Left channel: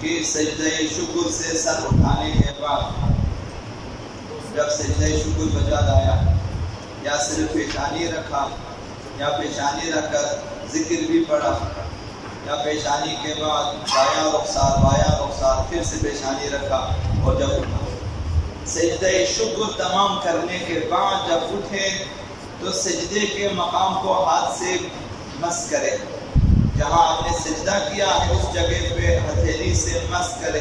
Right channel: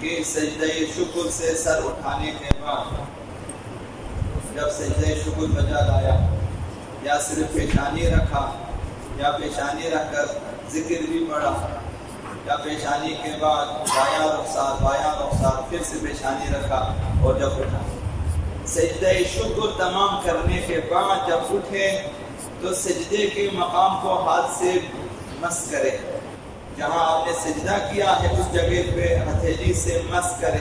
کہ سجدہ شکر سے سر اٹھانے کے بعد جب سجدہ شکر بجا لایا یا صرف پیشانی رکھا یا پیشانی رکھ کر ذکر بھی پڑھا یا پیشانی کے بعد بایاں رخسار پھر سے پیشانی رکھا اور جب اٹھا سجدہ شکر تمام کرنے کے بعد جب اٹھے تو سجدے کے مقام کو ہاتھ سے مس کرے، جہاں آپ نے سجدہ کیا ہے اس جگہ پہ ہتھیلی سے مس کرے،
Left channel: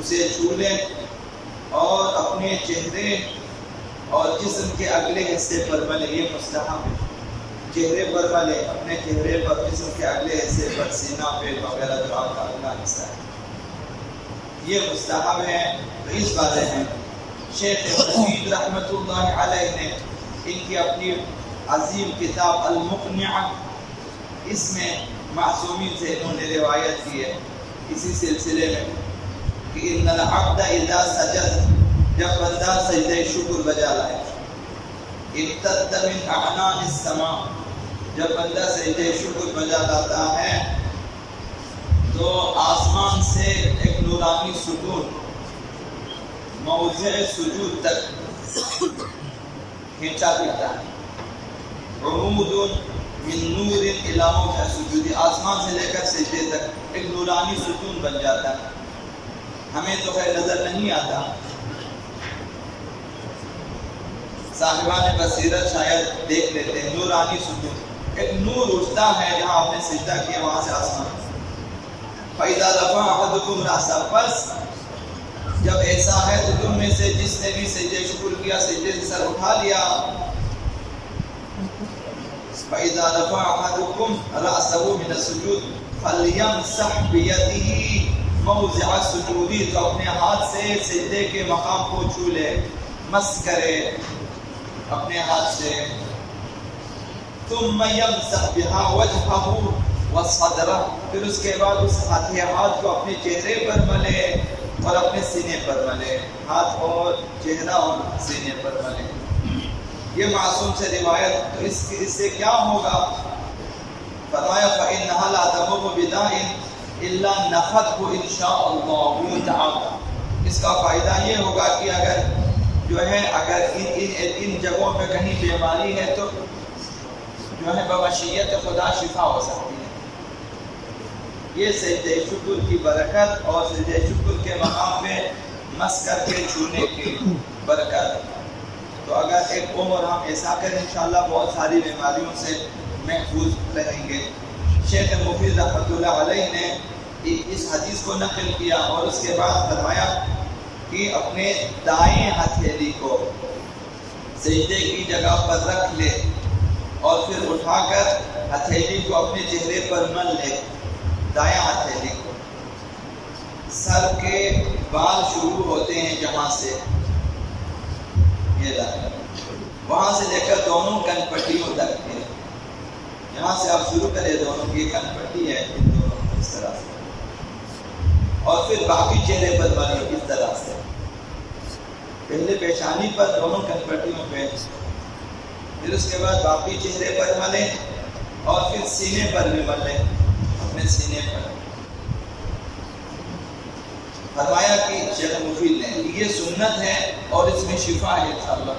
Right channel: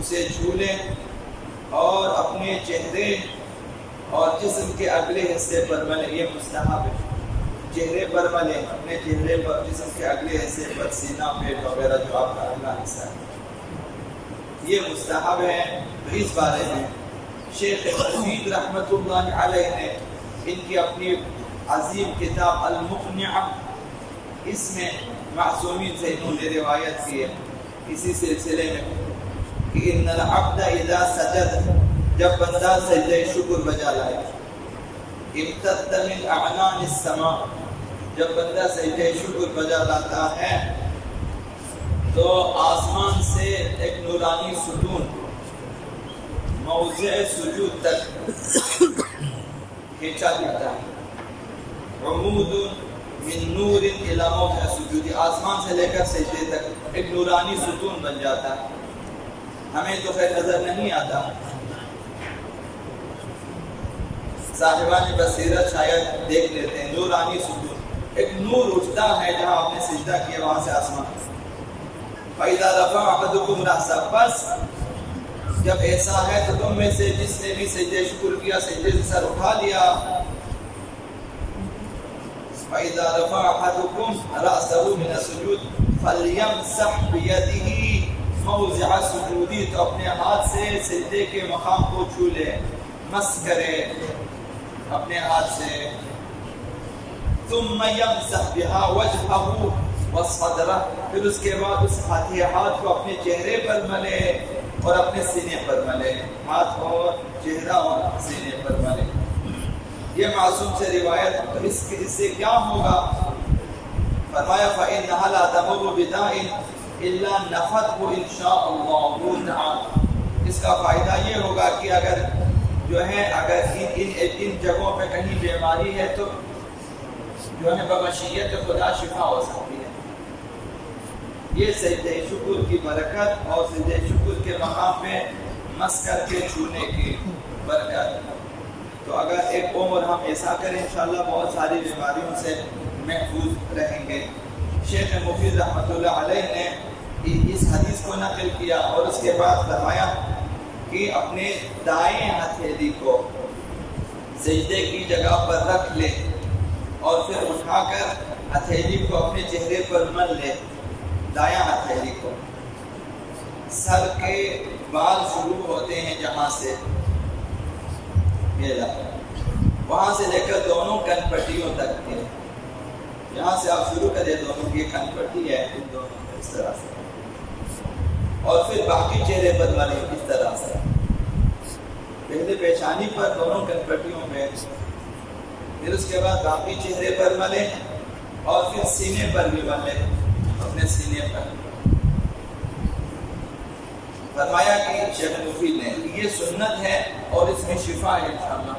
اسے چھو لیں اور اپنے چہرے اور جسم کے اگلے حصے پر ملے، یہ مستحب ہے، چہرے پر ملے، اپنے چہرے پر، جسم کے اگلے حصے پر، سینہ پیٹ وغیرہ جو آپ کا اگلا حصہ ہے، یہ مستحب ہے۔ تو اس بارے میں شیخ مفید رحمۃ اللہ علیہ نے ان کی اپنی عظیم کتاب المقنعہ، اس میں معصومین سے انہوں نے روایت کی ہے اسی سلسلے میں کہ ان العبد اذا سجد، جب بندہ سجدہ شکر بجا لائے، امتد من اعنان السماء، جب بندہ سجدہ شکر بجا لاتا ہے تو آسمان سے ایک نورانی ستون موضع سجود تک کھینچا جاتا ہے، عمود من نور الی موضع سجود، آسمان سے لے کر سجدے تک ایک نورانی ستون بن جاتا ہے، ہمیں تو خیر نظر نہیں آتا، صاحبان بصیرت شاید دیکھ لیتے ہیں، نورانی ستون، ایک نور اٹھتا ہے جہاں آپ نے سجدہ کیا وہاں سے آسمان۔ فَإِذَا رَفَعَ أَحَدُكُمْ رَأْسَهُ، بس جب ایسا ہے تو تم میں سے جس نے بھی سجدہ شکر کیا، سجدے سے سر اٹھا لیا، فَإِذَا رَفَعَ أَحَدُكُمْ رَأْسَهُ مِنَ السُّجُودِ فَلْيَمْسَحْ بِيَدِهِ موضع سجودی، تو اپنے ہاتھ سے سجدے کے مقام کو چھو لے، مس کرے اپنے ہاتھ سے، ثم يمسح بها وجهه وصدره، پھر اس کے بعد اس ہاتھ کو اپنے چہرے پر ملے اور اپنے سینے پر ملے، ہاتھ اور چہرہ اور سینے پر ملے۔ یہ معصوم سے روایت، تو اس سے کیا ہوگا؟ فرمایا فإنها لا تمر بداء الا نفته ان شاء اللہ تعالی، اس کا فائدہ یہ ہوگا کہ اگر جو ہے ان جگہوں پہ کہیں بیماری ہے تو جو ہے بمشیت خدا شفا ہو سکتی ہے۔ یہ سجدہ شکر کی برکت اور سجدہ شکر کے مقام پہ مس کر کے چھونے کی برکت، تو اگر ایک عمر ہم ایسا کریں انشاءاللہ بہت ساری بیماریوں سے محفوظ رہیں گے۔ شیخ مفید رحمۃ اللہ علیہ نے اس حدیث کو نقل کیا اور اس کے بعد فرمایا کہ اپنے دائیں ہتھیلی کو سجدے کی جگہ پر رکھ لے اور پھر اٹھا کر ہتھیلی کو اپنے چہرے پر مل لے، دایاں ہتھیلی کو، سر کے بال شروع ہوتے ہیں جہاں سے یہ وہاں سے لے کر دونوں کن پٹیوں تک، یہاں سے آپ شروع کریں، دونوں کی کن پٹی ہے ان دونوں اس طرح سے، اور پھر باقی چہرے پر ملے اس طرح سے، پہلے پیشانی پر دونوں کن پٹیوں پہ، پھر اس کے بعد باقی چہرے پر ملے اور پھر سینے پر بھی ملے، اپنے سینے پر۔ فرمایا کہ شیخ مفید نے یہ سنت ہے اور اس میں شفا ہے انشاءاللہ،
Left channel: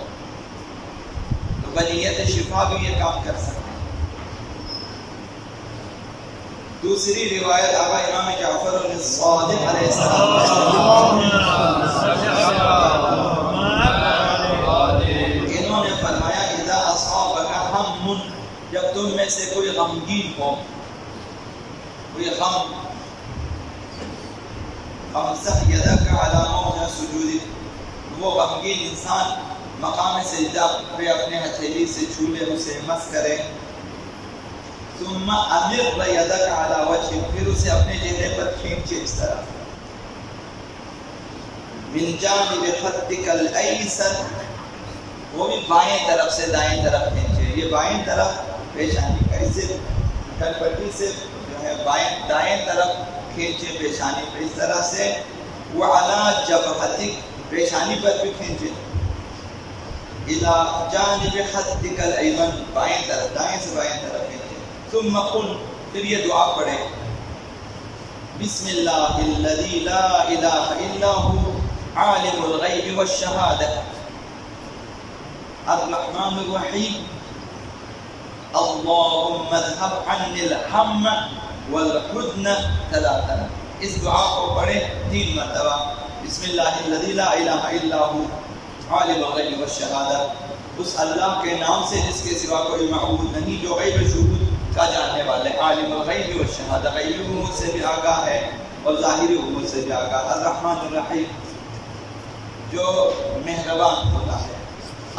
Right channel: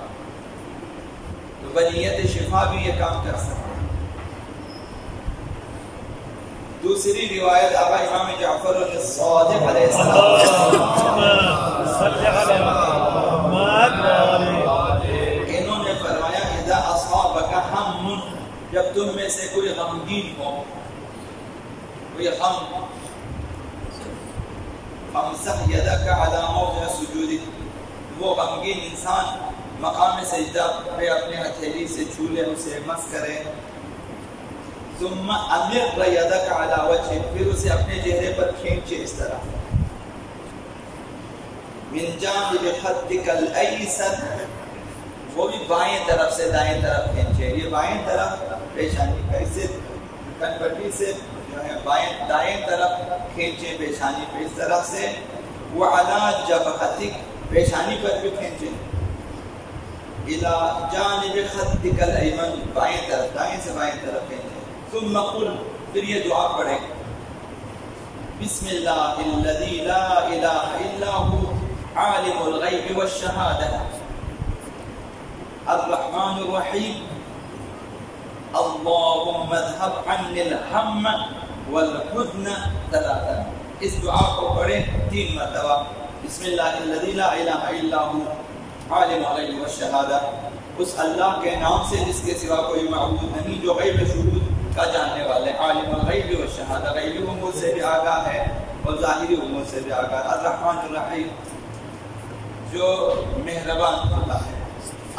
تو بنیت شفا بھی یہ کام کر سکتے ہیں۔ دوسری روایت آبا امام جعفر الصادق علیہ السلام، انہوں نے فرمایا اذا اصابک ہم، جب تم میں سے کوئی غمگین ہو، کوئی غم، فامسح یدک علی موضع سجودک، وہ غمگین انسان مقام سجدہ پہ اپنے ہتھیلی سے چھو لے، اسے مس کرے، ثم امر یدک علی وجہ، پھر اسے اپنے چہرے پر کھینچے اس طرح، من جانب خدک الایسر، وہ بھی بائیں طرف سے دائیں طرف کھینچے، یہ بائیں طرف پیشانی کا، اس سے کن پٹی سے جو ہے دائیں طرف کھینچے پیشانی پہ اس طرح سے، وعلی جبہتک، پیشانی پر بھی کھینچے، الی جانب خدک الایمن، بائیں طرف، دائیں سے بائیں طرف کھینچے، ثم قل، پھر یہ دعا پڑھیں، بسم اللہ الذی لا الہ الا ہو عالم الغیب والشہادہ الرحمن الرحیم اللہم اذھب عنی الہم والحزن ثلاثا. اس دعا کو پڑھیں 3 مرتبہ. بسم اللہ الذی لا الہ الا ہو عالم الغیب والشہادہ، اس اللہ کے نام سے جس کے سوا کوئی معبود نہیں، جو غیب شہود کا جاننے والے. عالم الغیب والشہادہ، غیبی امور سے بھی آگاہ ہے اور ظاہری امور سے بھی آگاہ. الرحمن الرحیم، جو مہربان ہوتا ہے.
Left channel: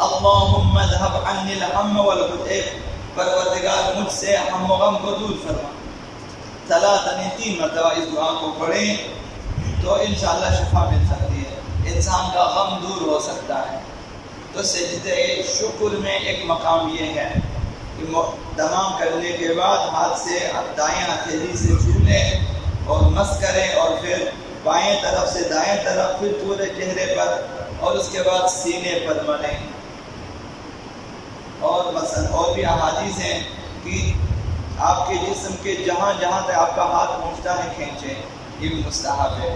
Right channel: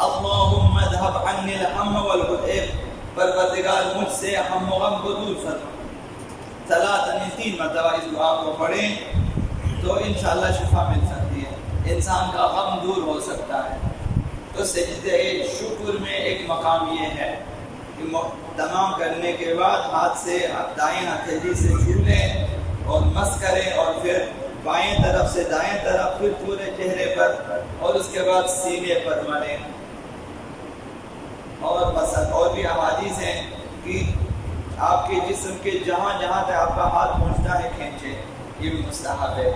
اللہم اذھب عنی الہم والحزن، اے پروردگار مجھ سے ہم و غم کو دور فرما. ثلاثاً، 3 مرتبہ اس دعا کو پڑھیں تو انشاءاللہ شفا مل سکتی ہے، انسان کا غم دور ہو سکتا ہے. تو سجدہ شکر میں ایک مقام یہ ہے کہ تمام کرنے کے بعد ہاتھ سے دائیں ہتھیلی سے چھو لیں اور مس کریں، اور پھر بائیں طرف سے دائیں طرف، پھر پورے چہرے پر، اور اس کے بعد سینے پر ملیں. اور مثلا اور بھی احادیث ہیں کہ آپ کے جسم کے جہاں جہاں تک آپ کا ہاتھ پہنچتا ہے کھینچیں، یہ بھی مستحب ہے.